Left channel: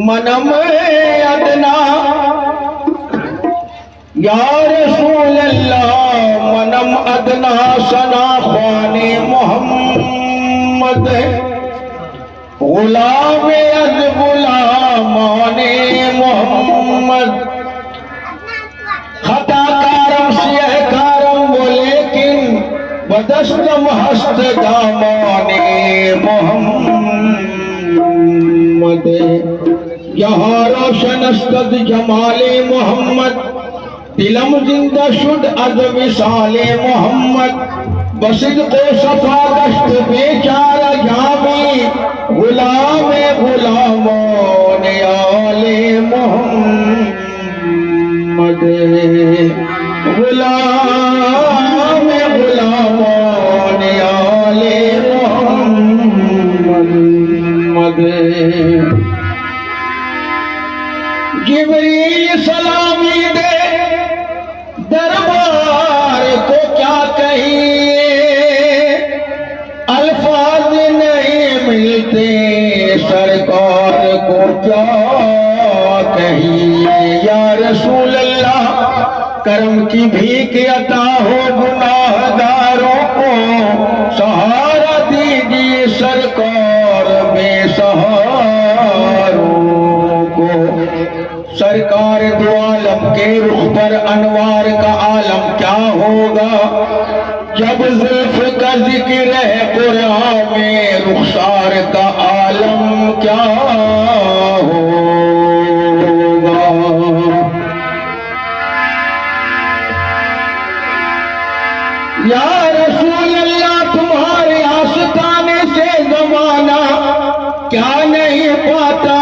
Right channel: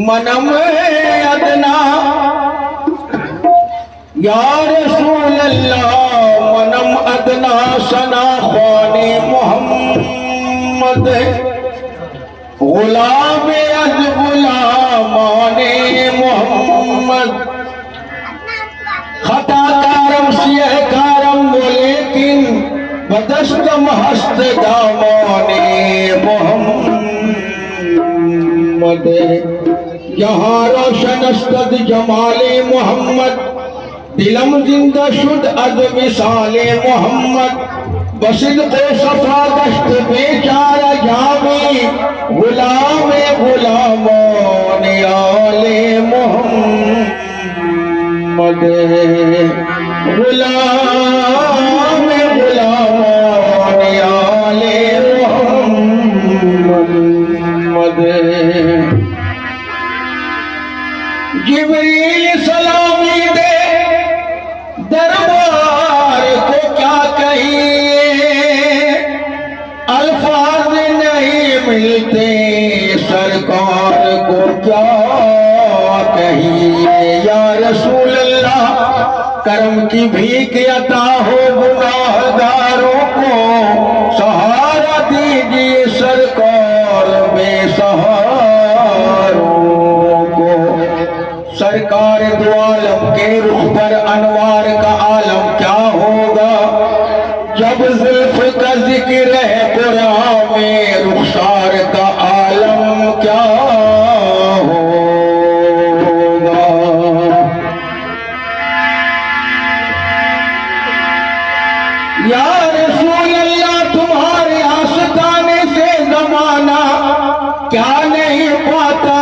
मन में अदना या रसूल अल्लाह मनम अदना सना ख्वाने मोहम्मद गुलाम अज गुलामाने मोहम्मद खताकारम सियहकारम लेकिन बदस्तम हस्त दामाने मोहम्मद यहाँ रोशन अस्तद जमाले मोहम्मद दिलम जिंदा शुद अद विसाले मोहम्मद बसिद को सफा दश्त बेचारा जामी गुलाम गुलामों ने आले मोहम्मद गुलाम गुलामों ने आले मोहम्मद। जिब्रील सलामी दे दरबार को क्या कहिए, अल्फाज नहीं मिलते सरकार को क्या कहिए। या रसूल अल्लाह करम की भीख अता हो गुनाहगारों को, सहारा दीजिए सरकार बेसहारों को। सरकार दो आलम के रुख पर अनवार का आलम क्या होगा, जब जुल्फ का जिक्र है कुरान में रुखसार का आलम क्या होगा। या रसूल अल्लाह तुम्हारे आशिकाने से जमाना क्या नहीं पाता,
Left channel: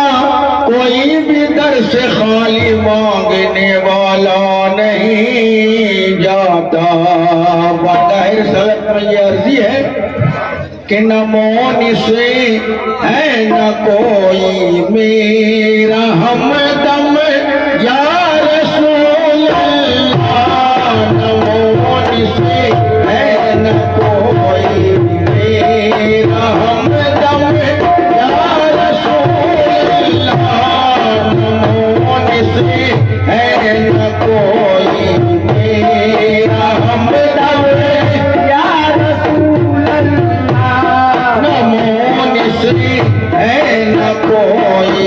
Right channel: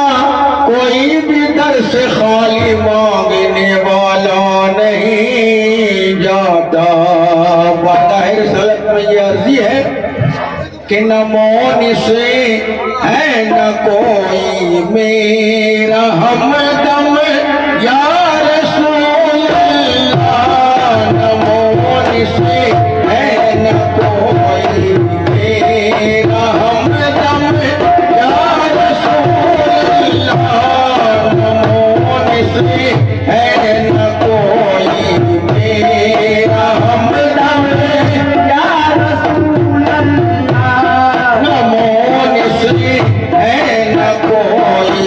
कोई भी दर से खाली मांगने वाला नहीं जाता। बाहिर सलत में ये अर्जी है कि न मौन से है न कोई मेरा हमदम या रसूल अल्लाह। न मौन से है न कोई मेरा हमदम या रसूल है न कोई मेरा हमदम या रसूल अल्लाह। न मौन से है न कोई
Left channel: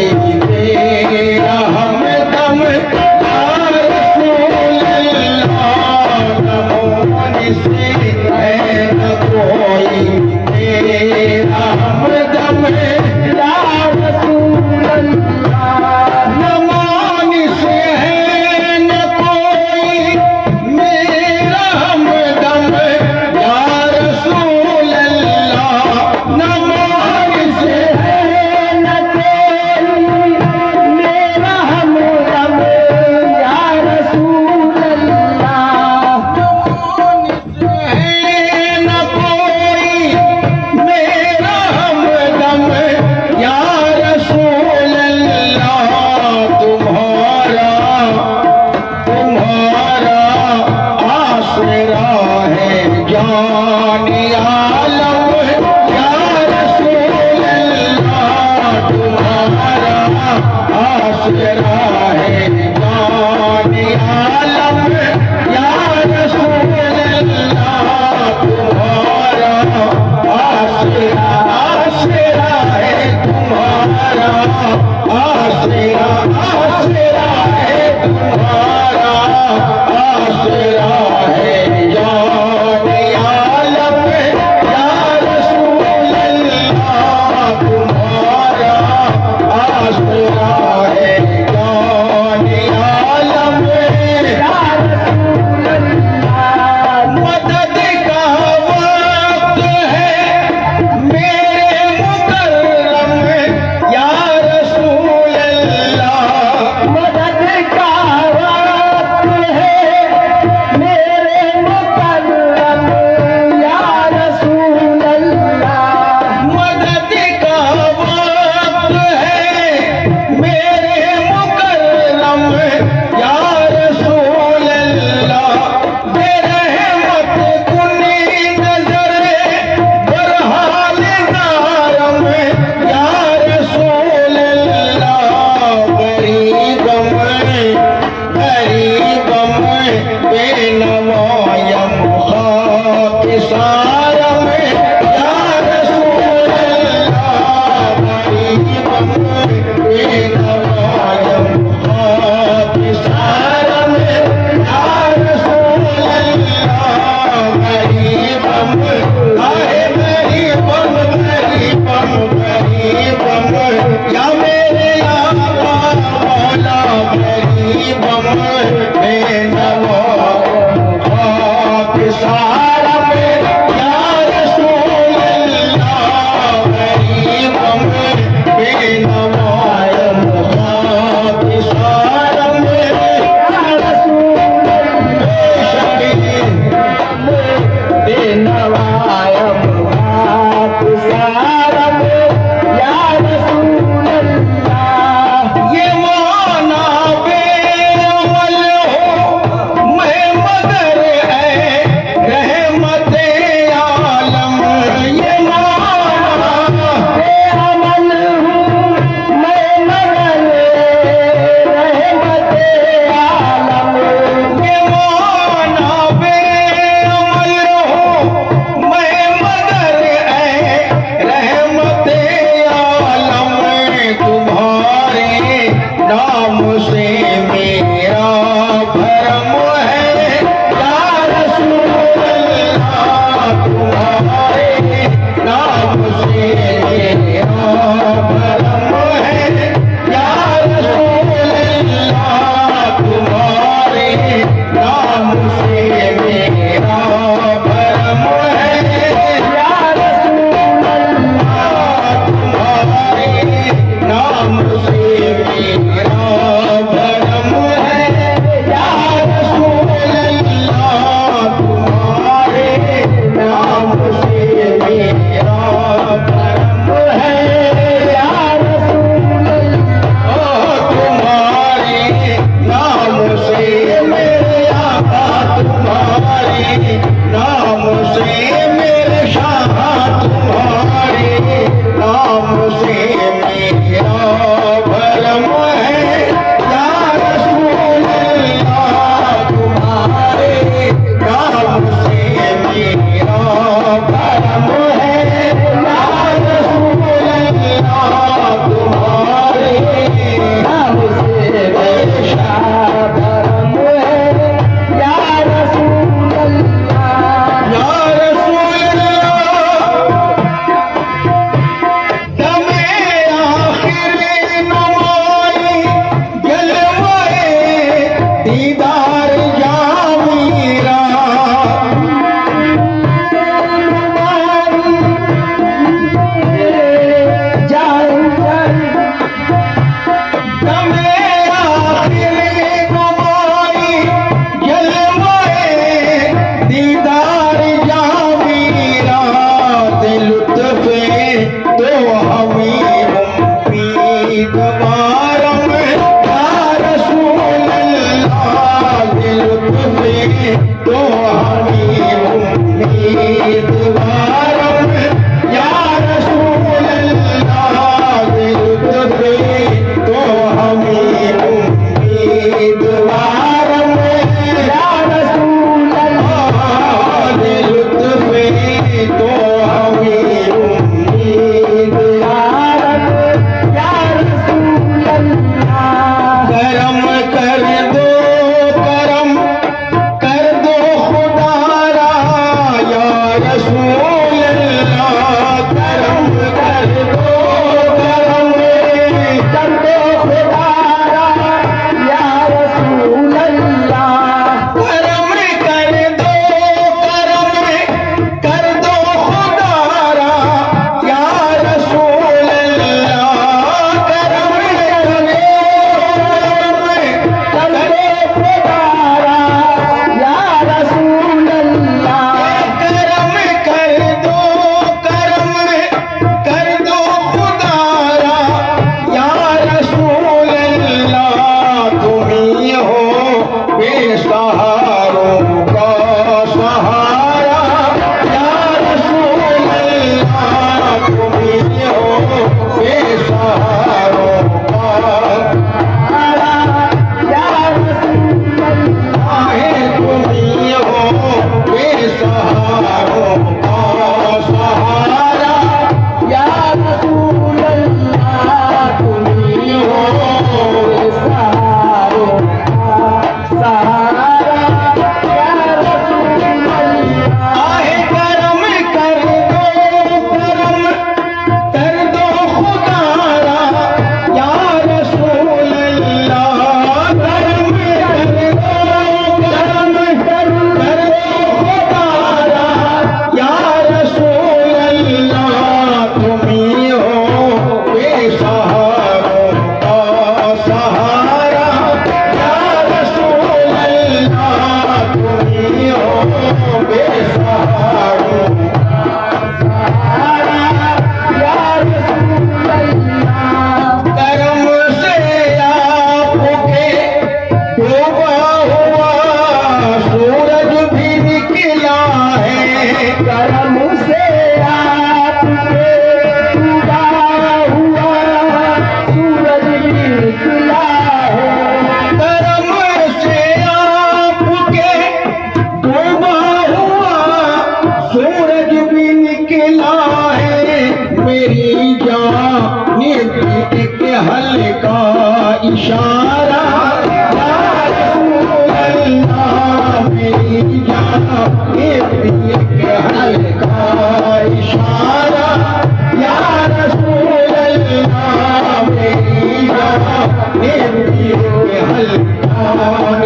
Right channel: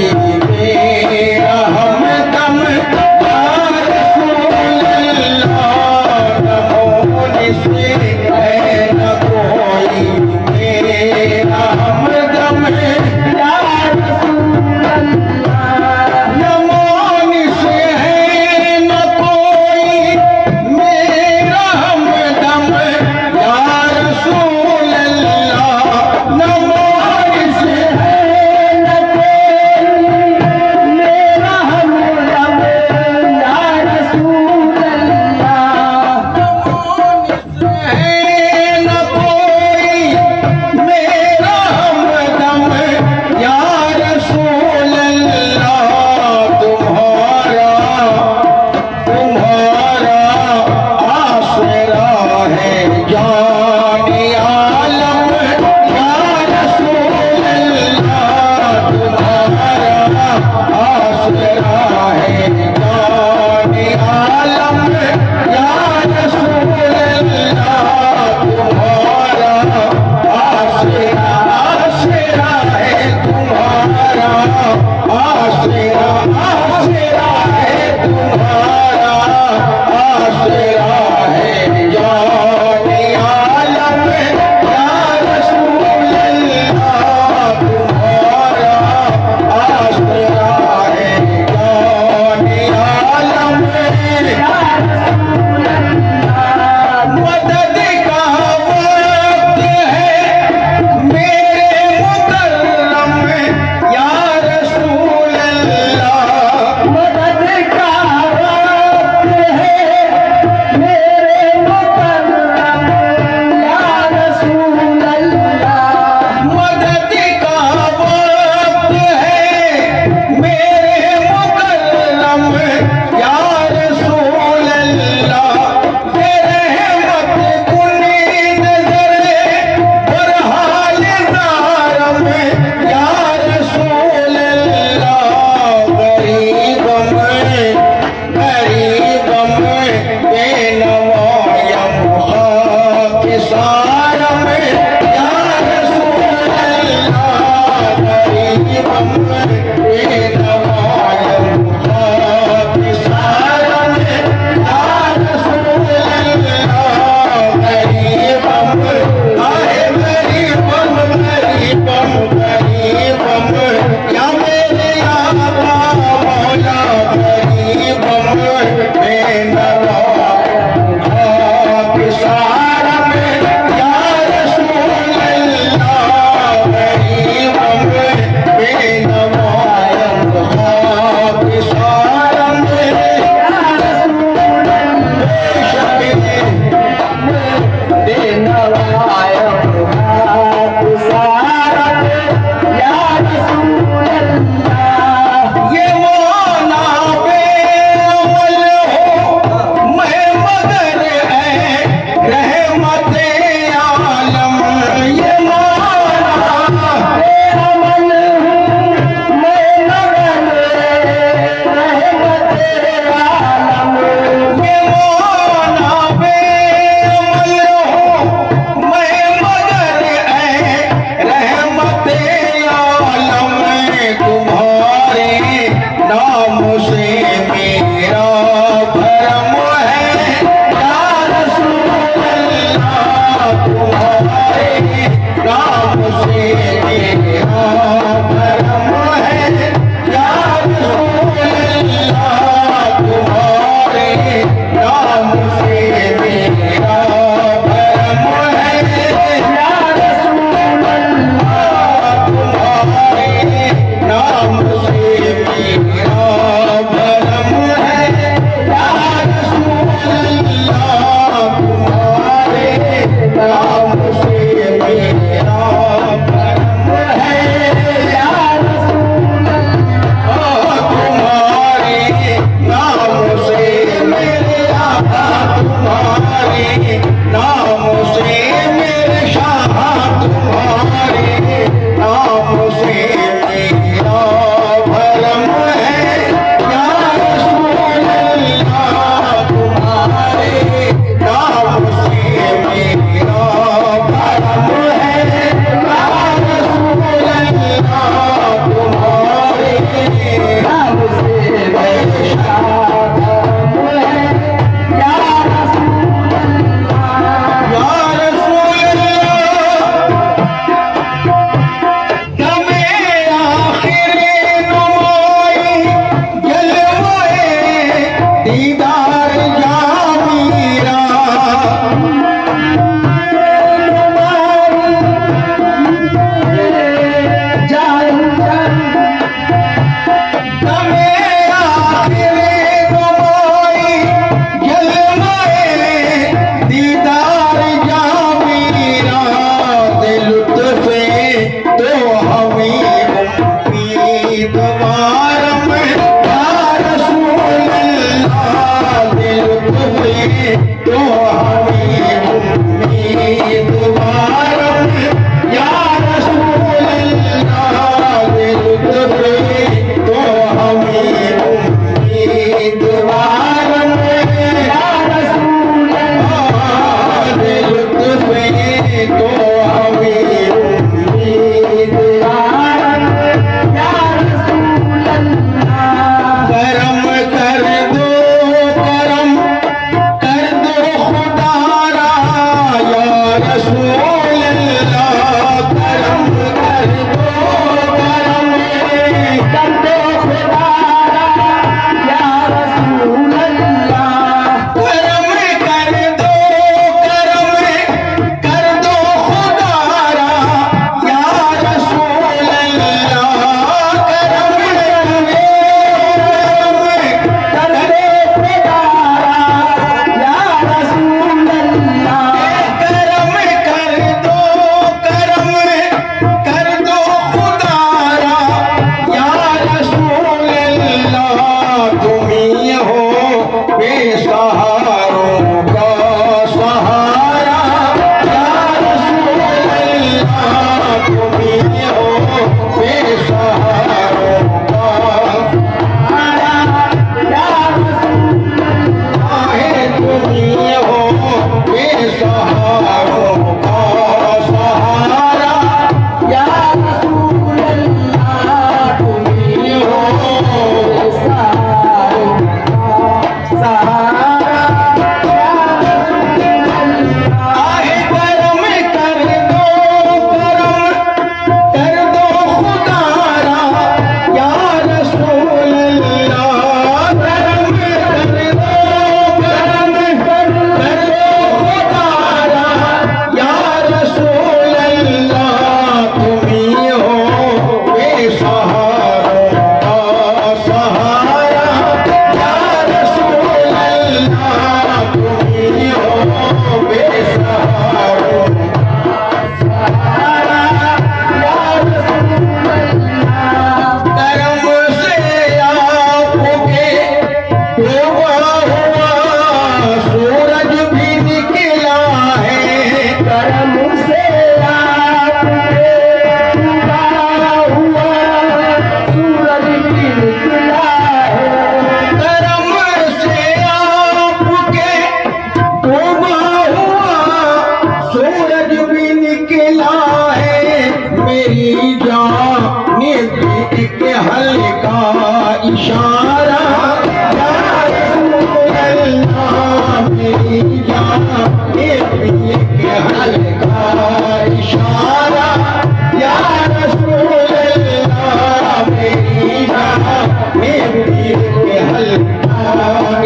एक हल्का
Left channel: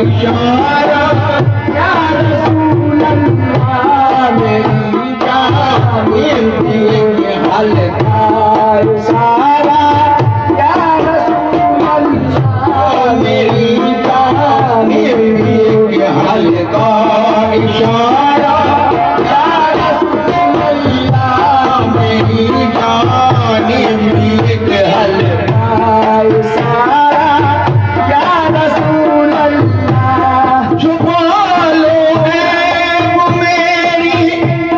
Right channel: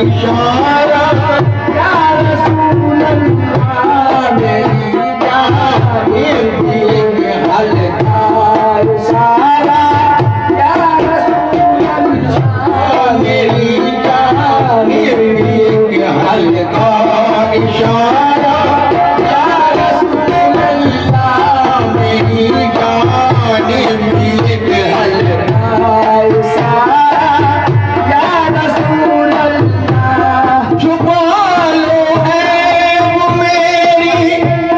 इशारा या रसूल अल्लाह मेरी जान एक हल्का इशारा या रसूल अल्लाह मेरी जान एक हल्का इशारा या रसूल अल्लाह मेरी जान एक हल्का इशारा या रसूल अल्लाह छुपा लो ऐब मेरी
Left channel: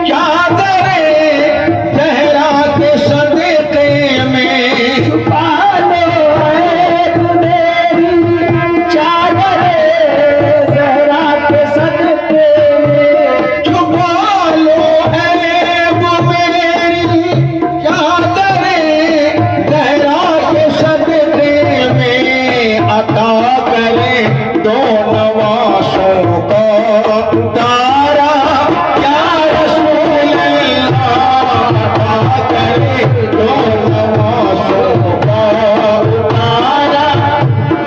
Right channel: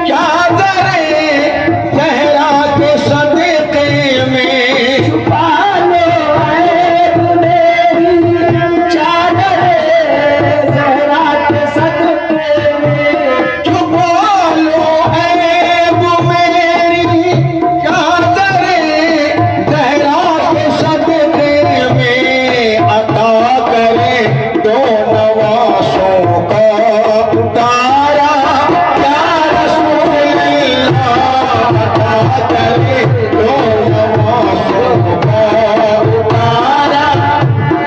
चादरे सहरा के सदके में छुपा लो ऐब मेरी चादरे सहरा के सदके में छुपा लो ऐब मेरी चादरे सहरा के सदके में अता करे दो नवासों का उतारा या रसूल अल्लाह अता करे दो नवासों का उतारा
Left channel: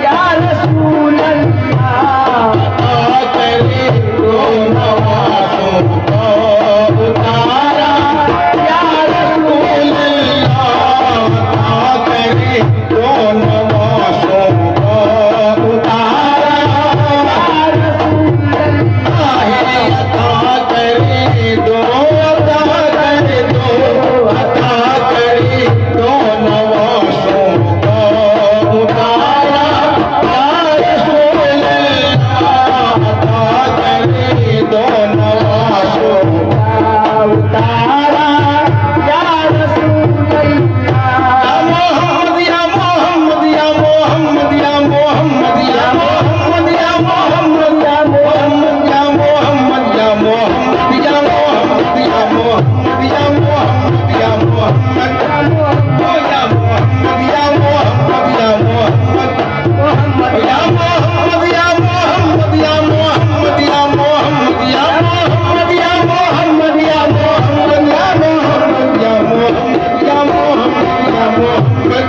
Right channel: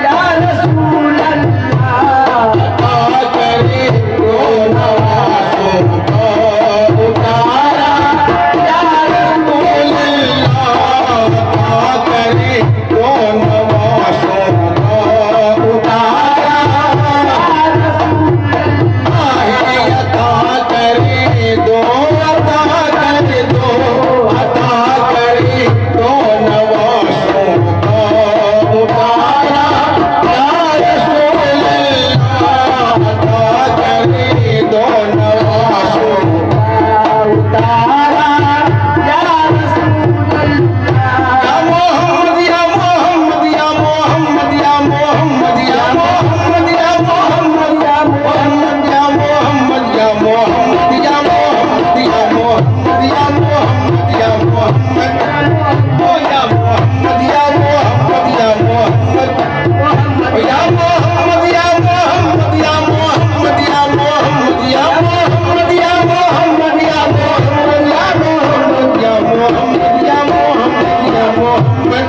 या रसूल अल्लाह अता करे दो नवासों का उतारा या रसूल अल्लाह अता करे दो नवासों का उतारा आहे अता करे दो अता करे दो अता करे दो नवासों का उतारा या रसूल अल्लाह अता करे दो नवासों का उतारा या रसूल अल्लाह या मोहम्मद या मोहम्मद या मोहम्मद या मोहम्मद या मोहम्मद या मोहम्मद या मोहम्मद या मोहम्मद या मोहम्मद या मोहम्मद या मोहम्मद या मोहम्मद ओ या मोहम्मद या मोहम्मद या मोहम्मद ओ या मोहम्मद या मोहम्मद या मोहम्मद या मोहम्मद या मोहम्मद या मोहम्मद या मोहम्मद या मोहम्मद या मोहम्मद या मोहम्मद या मोहम्मद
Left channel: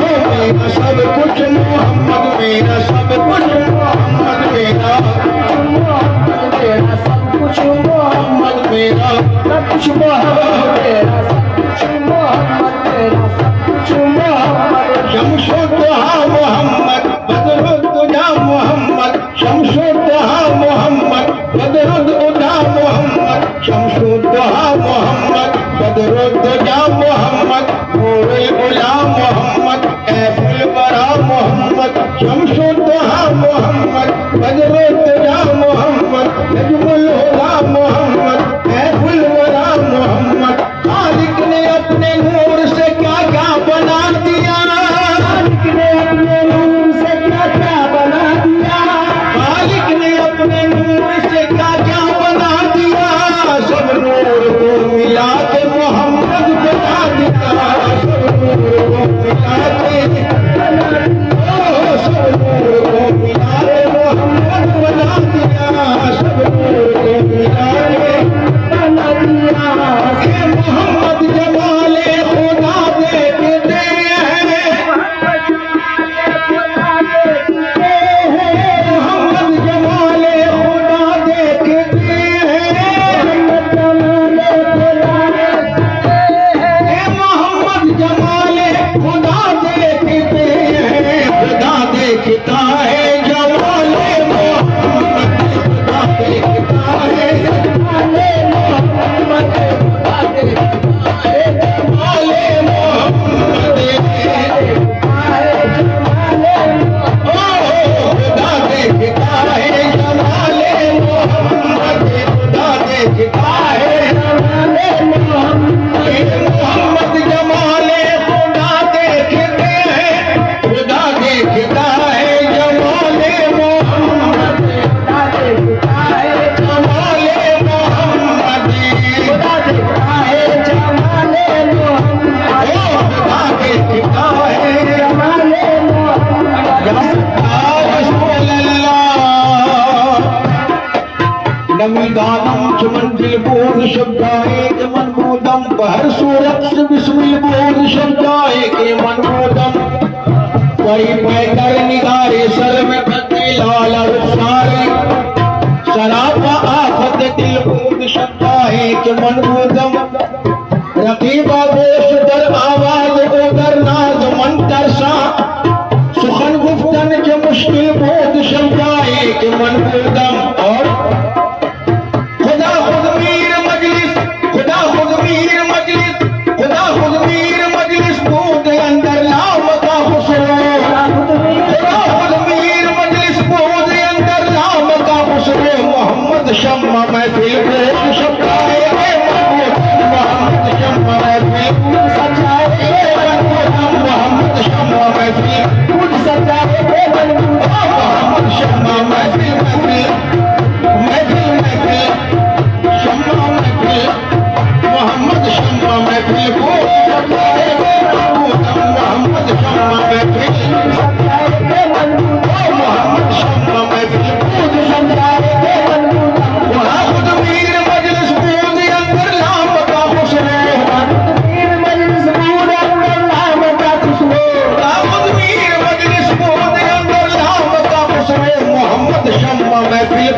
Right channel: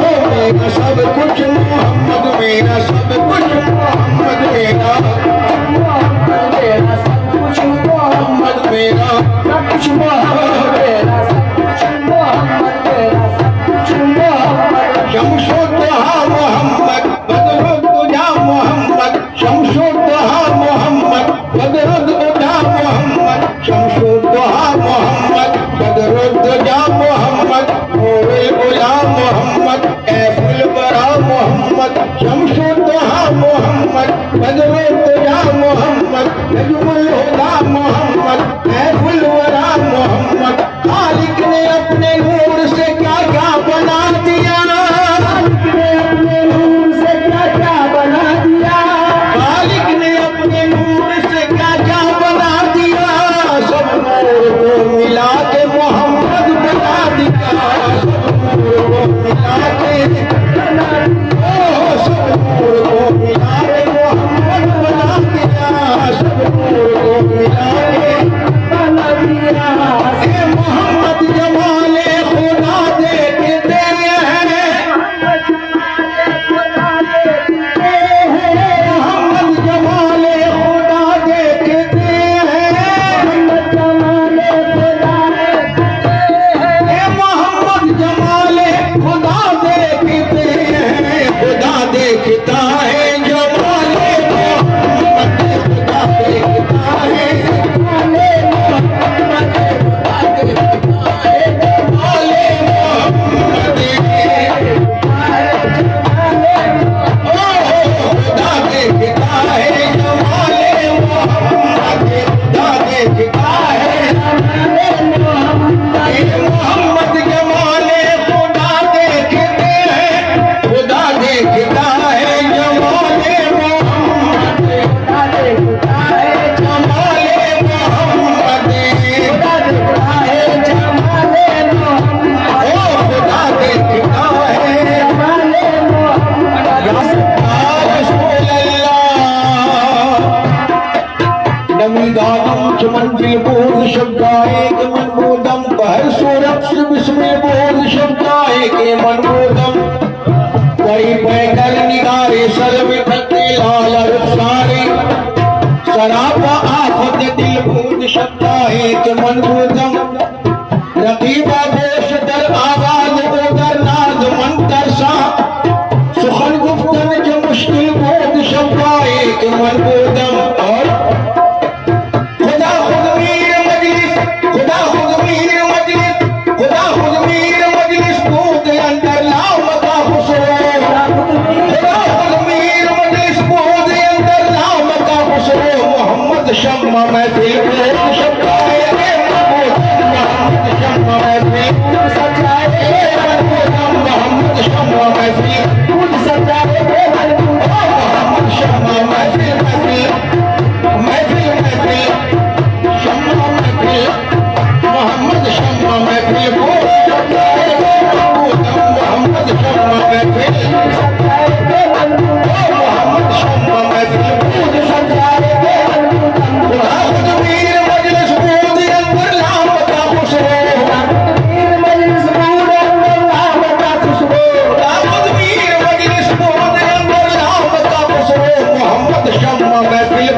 ओ मेरा सब कुछ मोहम्मद मेरा सब कुछ मोहम्मद मेरा सब कुछ मोहम्मद मेरा सब कुछ मोहम्मद मेरा सब कुछ मोहम्मद मेरा सब कुछ मोहम्मद शमशुद्दोहा मोहम्मद बदरुद्दुजा मोहम्मद शमशुद्दोहा मोहम्मद बदरुद्दुजा मोहम्मद शमशुद्दोहा मोहम्मद बदरुद्दुजा मोहम्मद नूरुल उला मोहम्मद कैफुल बरा मोहम्मद शमशुद्दोहा मोहम्मद बदरुद्दुजा मोहम्मद नजमुल हुदा मोहम्मद कैफुल वरा मोहम्मद खालिक ने अपने नूर से क्या क्या बना दिया खालिक ने अपने नूर से क्या क्या बना दिया खालिक ने अपने नूर से क्या क्या बना दिया सब नूर को मिला के मोहम्मद बना दिया सब नूर को मिला के बना दिया ओ सब नूर को मिला के मोहम्मद बना दिया सब नूर को मिला के बना दिया ए मोहम्मद जमाले खुदा देखते हैं मोहम्मद जमाले खुदा देखते हैं मोहम्मद जमाले खुदा देखते हैं मोहम्मद बाबोश दर आवाज उदर नाज मंतर सा सुखन गुफ्तन के मुश्किल बोध शब्दाए के मनबूदम और खुदा खुद मीर मजलिस खुदा खुद मीर मजलिस खुदा खुद मीर मजलिस बोध अंदर नाम का खुसरो खुदा खुद मीर मजलिस बोध अंदर नाम का खुसरो मोहम्मद शम्मा महफिल बोध शब्दाए के मनबूदम मोहम्मद शम्मा महफिल बोध सजाए के मनबूदम मोहम्मद शम्मा महफिल बोध सजाए के मनबूदम मोहम्मद शम्मा महफिल महफिल महफिल महफिल शम्मा महफिल मोहम्मद शम्मा महफिल बोध सजाए के मनबूदम मोहम्मद शम्मा महफिल सजाए के मनबूदम मोहम्मद शम्मा महफिल बोध सजाए के मनबूदम खुदा खुद मीर मजलिस बोध अंदर नाम का खुसरो खुदा खुद मीर मजलिस बोध अंदर नाम का खुसरो खुदा खुद मीर मजलिस बोध अंदर नाम का खुसरो मोहम्मद शम्मा महफिल